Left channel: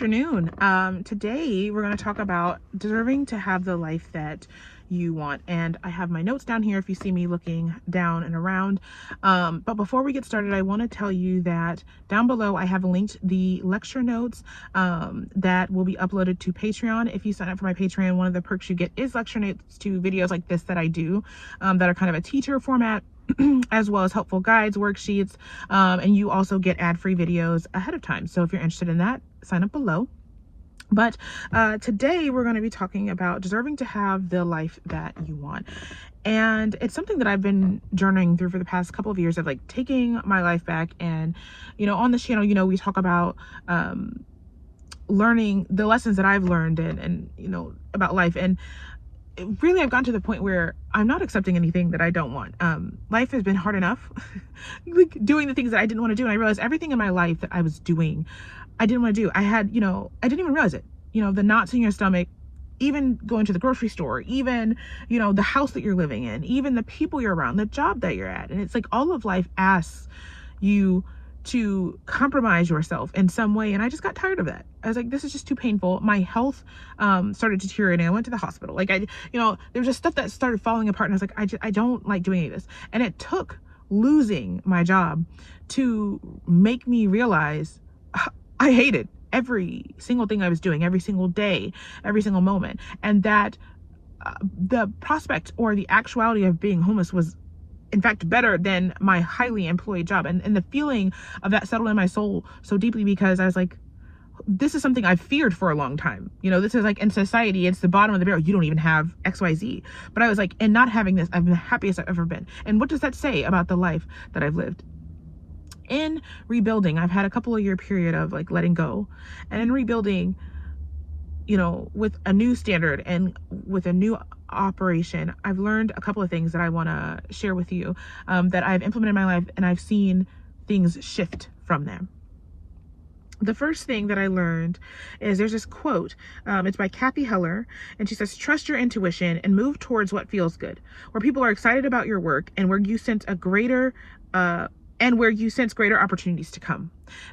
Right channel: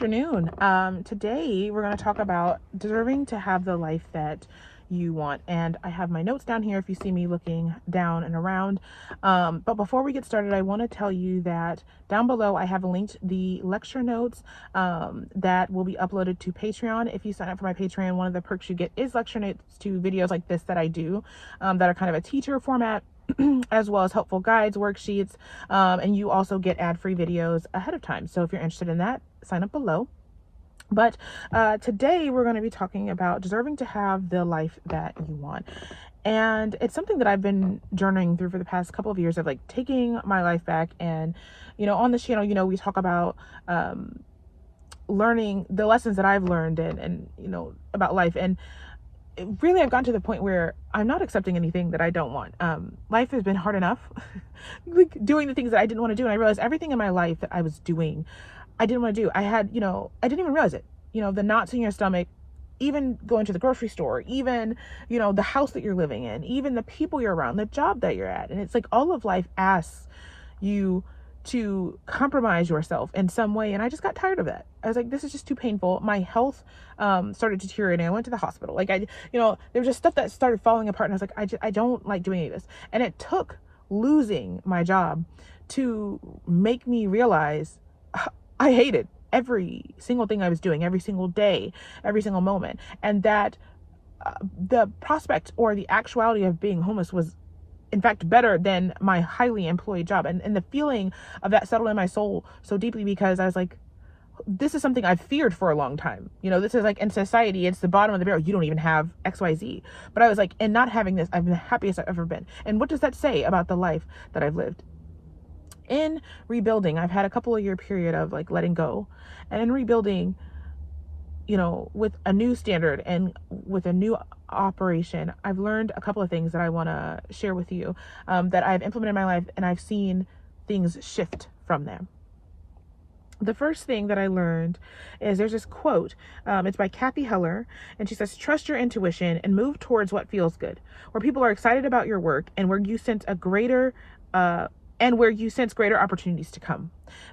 Afternoon. Today we're going to talk about deserving to have the life that you want. And I have my notes down here if you see me looking down and around. But before we get started, I want to tell you that down below I have linked the lecture notes that will be uploaded to Patreon. If you sign up for my Patreon, one of the perks you get is lecture notes to videos like this that I do that are kind of a teacher format. As well as helpful guides, worksheets, and you also get ad-free videos ahead of time. So if you're interested in that, sign up below. But today we're going to be talking about deserving to have the life that you want. And it's something that I've been journeying through for the past couple of years of like taking my life back. And, on this channel, we talk about learning the lessons that I've learned and about life. And really, I've gotten to the point where I'm not accepting anything that I don't want. Life has been hard enough, like doing the things that I didn't want to do. And I realized everything in my life that I was doing, I didn't want to do. I had, I didn't even realize it. The knots in your stomach, even going to the grocery store, even, the house that you're living in, even the people you're around, the job that you're at. And it's like all of life asks you to compromise yourself in some way. And I just got tired of that. I was like, this is just too painful. My health started deteriorating. I went to the hospital. Like there was just stuff that started falling apart. And I was like, I don't like doing any of this. And it took losing my job to make me realize I hated every single thing I was doing, every single day, every single moment. And that the prospect or the actuality of being homeless was in fact better than my highly employed job. And the feeling of that settled in my soul so deeply because I was like, this is something I've feared for a long time. This is like in society, it's the bottom of the barrel. You don't even have XYZ. But I was like, and not having this, I'm the happiest I've ever been. And what does that say about the life that I've lived? In rebuilding, I've had a couple of year period of like letting go. And in rebuilding, with a new standard and with a new operation, I've learned a couple of things that I want to share with you that I've implemented in my life, and I've seen things shift from them. The first thing that I learned is there's this quote. It's by Kathy Heller, and she says, trust your intuition and move towards what feels good, where people are excited about your work and where you sense greater opportunities to come.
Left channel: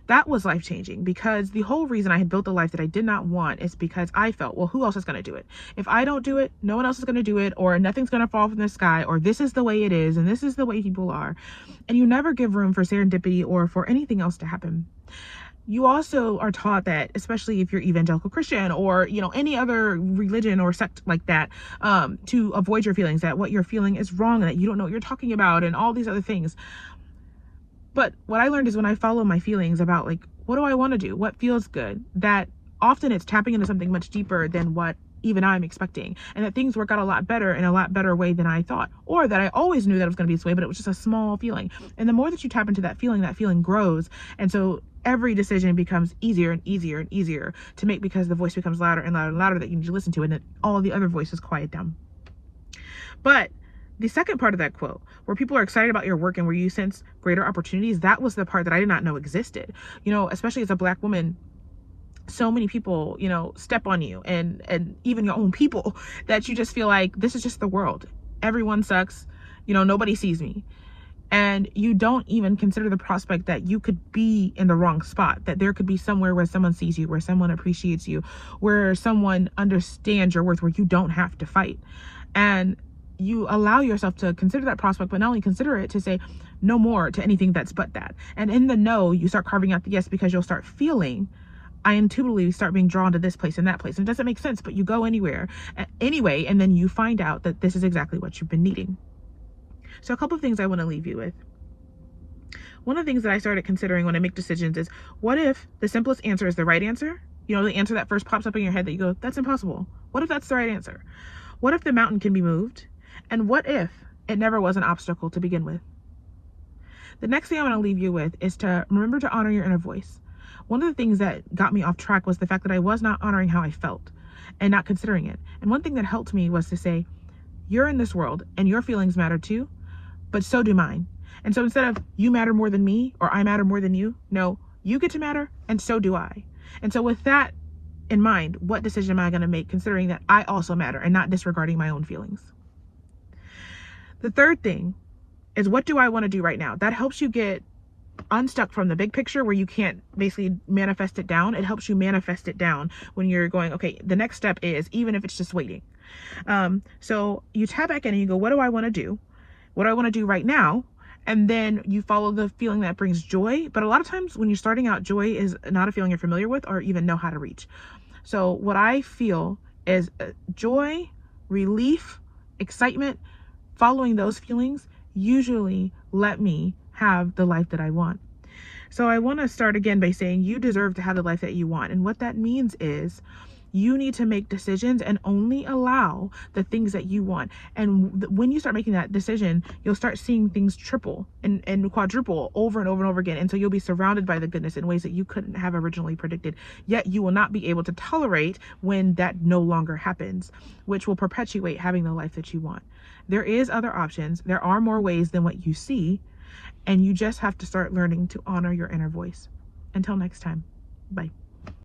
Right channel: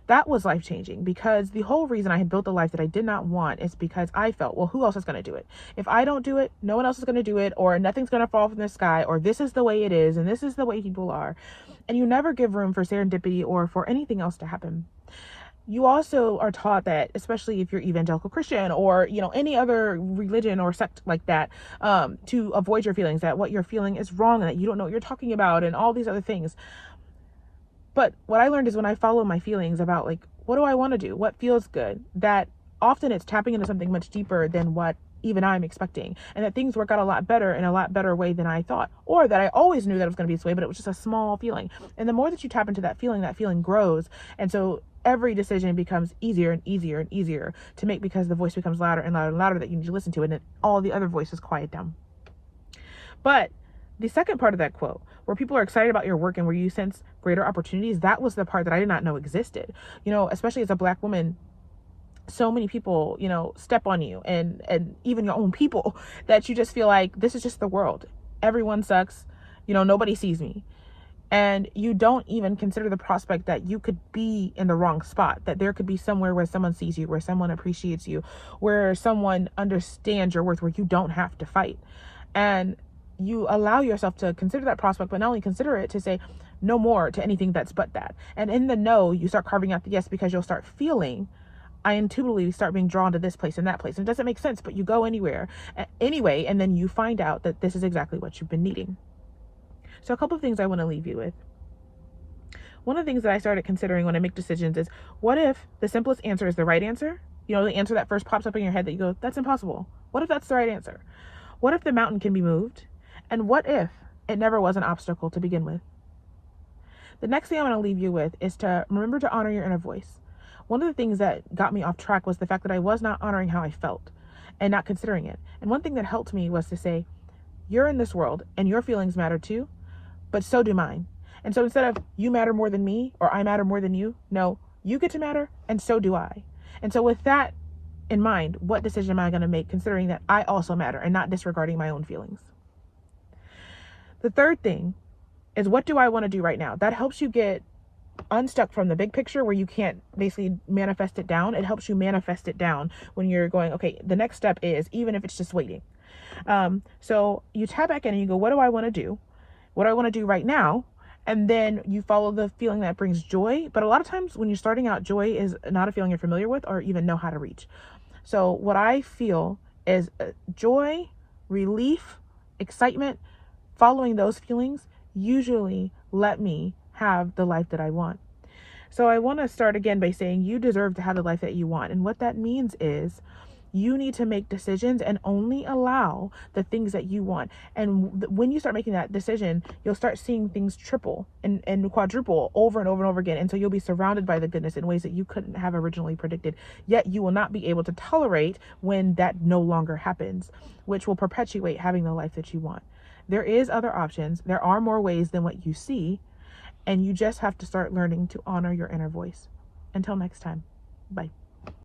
That was life-changing because the whole reason I had built the life that I did not want is because I felt, well, who else is going to do it? If I don't do it, no one else is going to do it, or nothing's going to fall from the sky, or this is the way it is, and this is the way people are. And you never give room for serendipity or for anything else to happen. You also are taught that, especially if you're evangelical Christian or, any other religion or sect like that, to avoid your feelings, that what you're feeling is wrong and that you don't know what you're talking about and all these other things. But what I learned is when I follow my feelings about like, what do I want to do? What feels good? That often it's tapping into something much deeper than what even I'm expecting. And that things work out a lot better in a lot better way than I thought. Or that I always knew that it was going to be this way, but it was just a small feeling. And the more that you tap into that feeling grows. And so every decision becomes easier and easier and easier to make because the voice becomes louder and louder and louder that you need to listen to. And then all the other voices quiet down. But the second part of that quote, where people are excited about your work and where you sense greater opportunities, that was the part that I did not know existed. Especially as a Black woman, so many people, step on you and even your own people that you just feel like this is just the world. Everyone sucks. Nobody sees me. And you don't even consider the prospect that you could be in the wrong spot, that there could be somewhere where someone sees you, where someone appreciates you, where someone understands your worth, where you don't have to fight. And you allow yourself to consider that prospect, but not only consider it, to say no more to anything that's but that. And in the no, you start carving out the yes, because you'll start feeling, I intuitively start being drawn to this place and that place. And it doesn't make sense, but you go anyway, and then you find out that this is exactly what you've been needing. So a couple of things I want to leave you with. One of the things that I started considering when I make decisions is, what if the simplest answer is the right answer? The answer that first pops up in your head that you go, that's impossible. What if that's the right answer? What if the mountain can be moved? And what if it never was an obstacle to begin with? The next thing I want to leave you with is to remember to honor your inner voice. One of the things that got me off track was the fact that I was not honoring how I felt and not considering it. And one thing that helped me was to say, you're in this world and your feelings matter too, but so do mine. And so instead of you matter more than me or I matter more than you, no, you get to matter and so do I. And so with that in mind, what decision am I going to make considering that I also matter and not disregarding my own feelings? The third thing is, what do I want to do right now? That helps you get unstuck from the big picture where you can't basically manifest it down. It helps you manifest it down when you're going, okay, the next step is, even if it's just waiting. So you tap back in and you go, what do I want to do? What do I want to do right now? And then you follow the feeling that brings joy. But a lot of times when you're starting out, joy is not a feeling you're familiar with or even know how to reach. So what I feel is joy, relief, excitement. Following those feelings usually let me have the life that I want. So I want to start again by saying you deserve to have the life that you want. And what that means is you need to make decisions and only allow the things that you want. And when you start making that decision, you'll start seeing things triple and quadruple over and over and over again. And so you'll be surrounded by the goodness in ways that you couldn't have originally predicted. Yet you will not be able to tolerate when that no longer happens, which will perpetuate having the life that you want. There is other options. There are more ways than what you see. And you just have to start learning to honor your inner voice. Until next time, bye.